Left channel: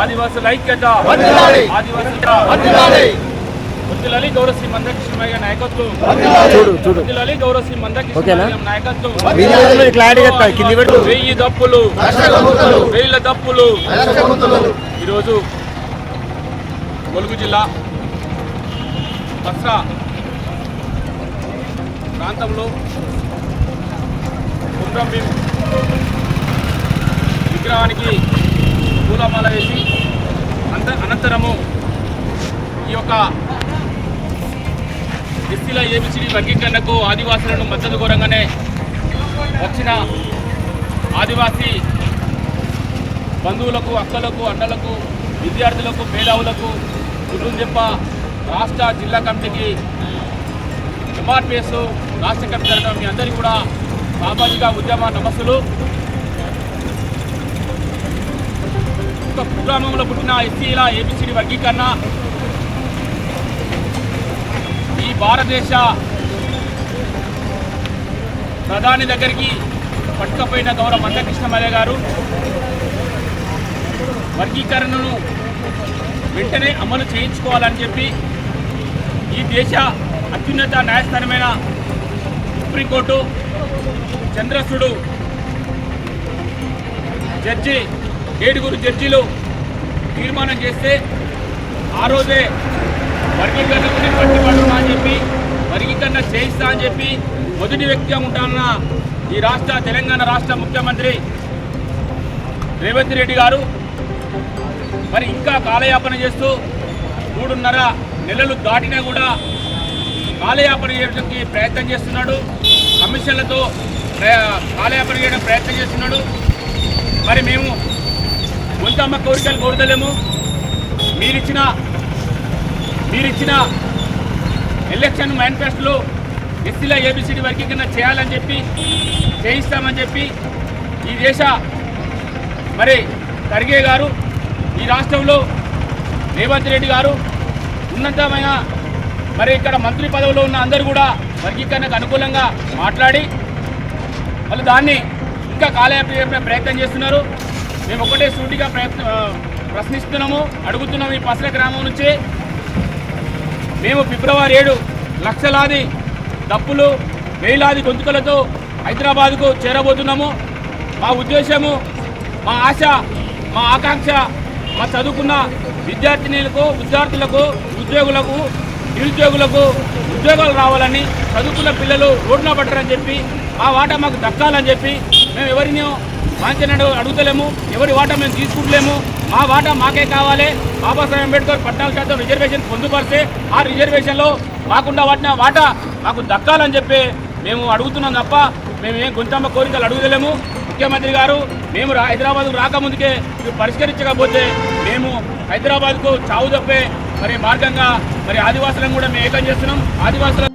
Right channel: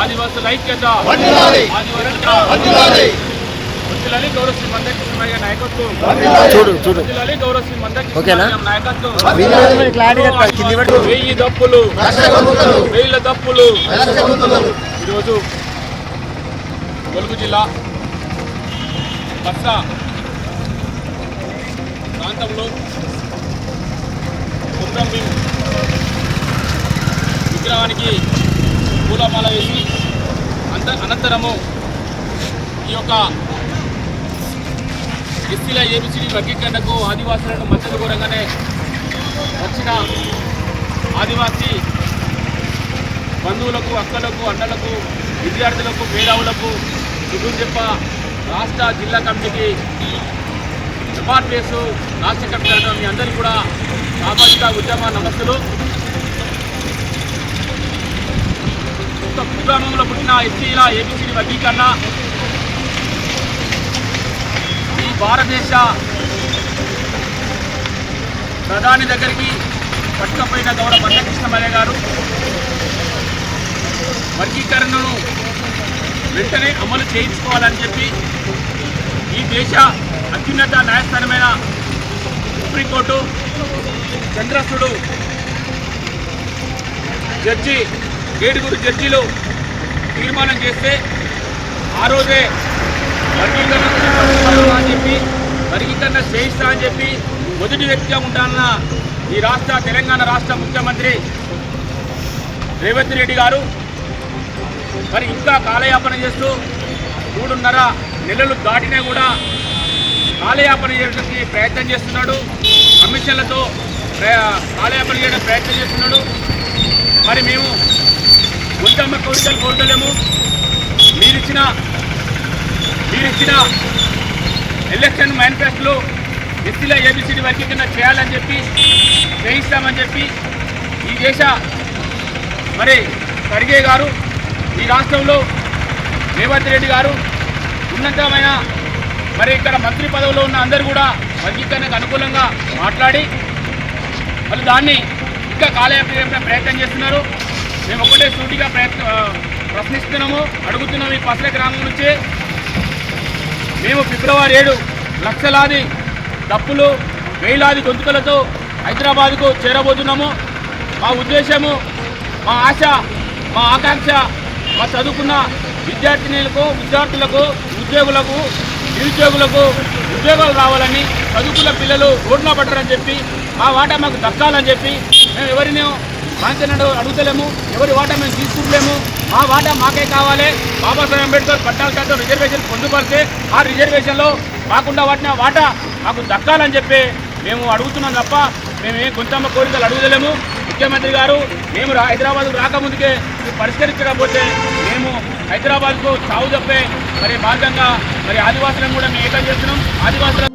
ఆదివాసుల ఐక్యత. గౌరవ శ్రీ నాయకత్వం. చూడు చూడు. గౌరవ శ్రీ నాయకత్వం. పెట్టు. వెయ్యి. వేల దశకముతులు. ఈరోజు కొలుగు జిల్లా బస్సా ప్రాంతంలో కుట్రం విగ్రహానికి పూలమాల వేసి అంత అనంతరము ఈ యొక్క ఎస్సీల ఏబిసిడి వర్గీకరణకు ఆదివాసులను మద్దతు కోరంగానే వచ్చిన ఆదివాసీ బంధువులకు అక్కలకు అన్నలకు విద్యార్థులకు మేధావులకు చుట్టూ చెప్ప రాష్ట్ర జిల్లా కమిటీకి ఎంఆర్పిఎస్ రాష్ట్ర కమిటీ తరఫున మీ అందరికీ కూడా సామాజిక ఉద్యమ నమస్సులు. ఒక కుగ్రామంలో పుట్టిన ఎస్సీల ఏబీసీల వర్గీకరణ. ఈ భారతదేశ ప్రధాని దగ్గరికి పట్టుకపోయిన గౌరవ మందకృష్ణమయ్య గారు వర్గీకరణను వెంటనే అమలు చేయించుకోవాలని చెప్పి ఈ దేశ అత్యున్నత న్యాయస్థానమైన సుప్రీంకోర్టు చంద్రశుడు జడ్జి ఏడుగురు జడ్జీలు తీర్మానం చేస్తే ఆ రోజే వర్గీకరణ గురించి అని చెప్పి వర్గీకరణ చేయిస్తా అని చెప్పి మొదటి వ్యక్తిగా ఉంటానన్న ఈ రాష్ట్ర తెలంగాణ రాష్ట్ర ముఖ్యమంత్రి రేవంత్ రెడ్డి గారు మరి ఇంకా కాలయాపన చేస్తూ మూడున్నర నెలలు దాటినా కూడా కాలయాపన చేయడానికి ప్రయత్నం చేస్తున్నాడు. కమిషన్లతో కాలయాపన చేయడానికి ప్రయత్నం చేస్తున్నాడు. మరి మేము గుంతమ్మ కోరికలు కోరుతలేము మీరిచ్చిన మీరిచ్చిన ఎలక్షన్ మేనిఫెస్టోలో ఎస్సీల ఏబిసిడి వర్గీకరణ చేయాలని చెప్పి చేయిస్తామని చెప్పి ఈ దేశ మరి ఖర్గే గారు ఈ రాష్ట్రంలో రేవంత్ రెడ్డి గారు ఉన్నతమైన మరి ఇక్కడ మంత్రి పదవిలో ఉన్న అందరూ కూడా వర్గీకరణకు అనుకూలంగా మాట్లాడి వాళ్ళు దాన్ని ఇంకా కాలయాపే ప్రయత్నం చేస్తున్నారు. మేము ఒకటే సూటిగా ప్రయత్న ప్రశ్నిస్తున్నాము. అడుగుతున్నాము ఈ పసల గ్రామం నుంచి. మేము ఫిబ్రవరి ఏడు లక్షలాది డప్పులు వేలాది గొంతుకలతో హైదరాబాద్కు చేరబోతున్నాము. మా ఉద్దేశము మా ఆశ మా ఆకాంక్ష మా చదువుకున్న విద్యార్థినులకు విద్యార్థులకు ఉద్యోగులకు నిరుద్యోగులకు ఉద్యోగాలు రావాలని చదువుకున్న పిల్లలు రోడ్న పట్టరని చెప్పి ఆ వాటా మాకు దక్కాలని చెప్పి మేము ఎవరిని వాంఛనడు అడుగుతలేము ఎవరి వాటా మేము తీసుకుంటలేము ఆ వాటా మాకే కావాలి. బాబాసాహెబ్ అంబేద్కర్ పట్టాల శాతం రిజర్వేషన్ పొందుపరిస్తే ఆ రిజర్వేషన్లో మాకుండా వాటిన వాటా మాకు దక్కాలని చెప్పి మేము అడుగుతున్నాం తప్ప మేము గుంతమ్మ కోరికలు అడుగుతలేము. ముఖ్యమంత్రి గారు మేము రా- హైదరాబాద్కు రాకముందుకే మీరు పరిష్కరించకపోతే మేము హైదరాబాద్కు చావు తప్పే. మరి మార్గంగా మరి ఆదివాసులను కూడా మేము ఏకం చేస్తున్నాం. ఆదివాసుల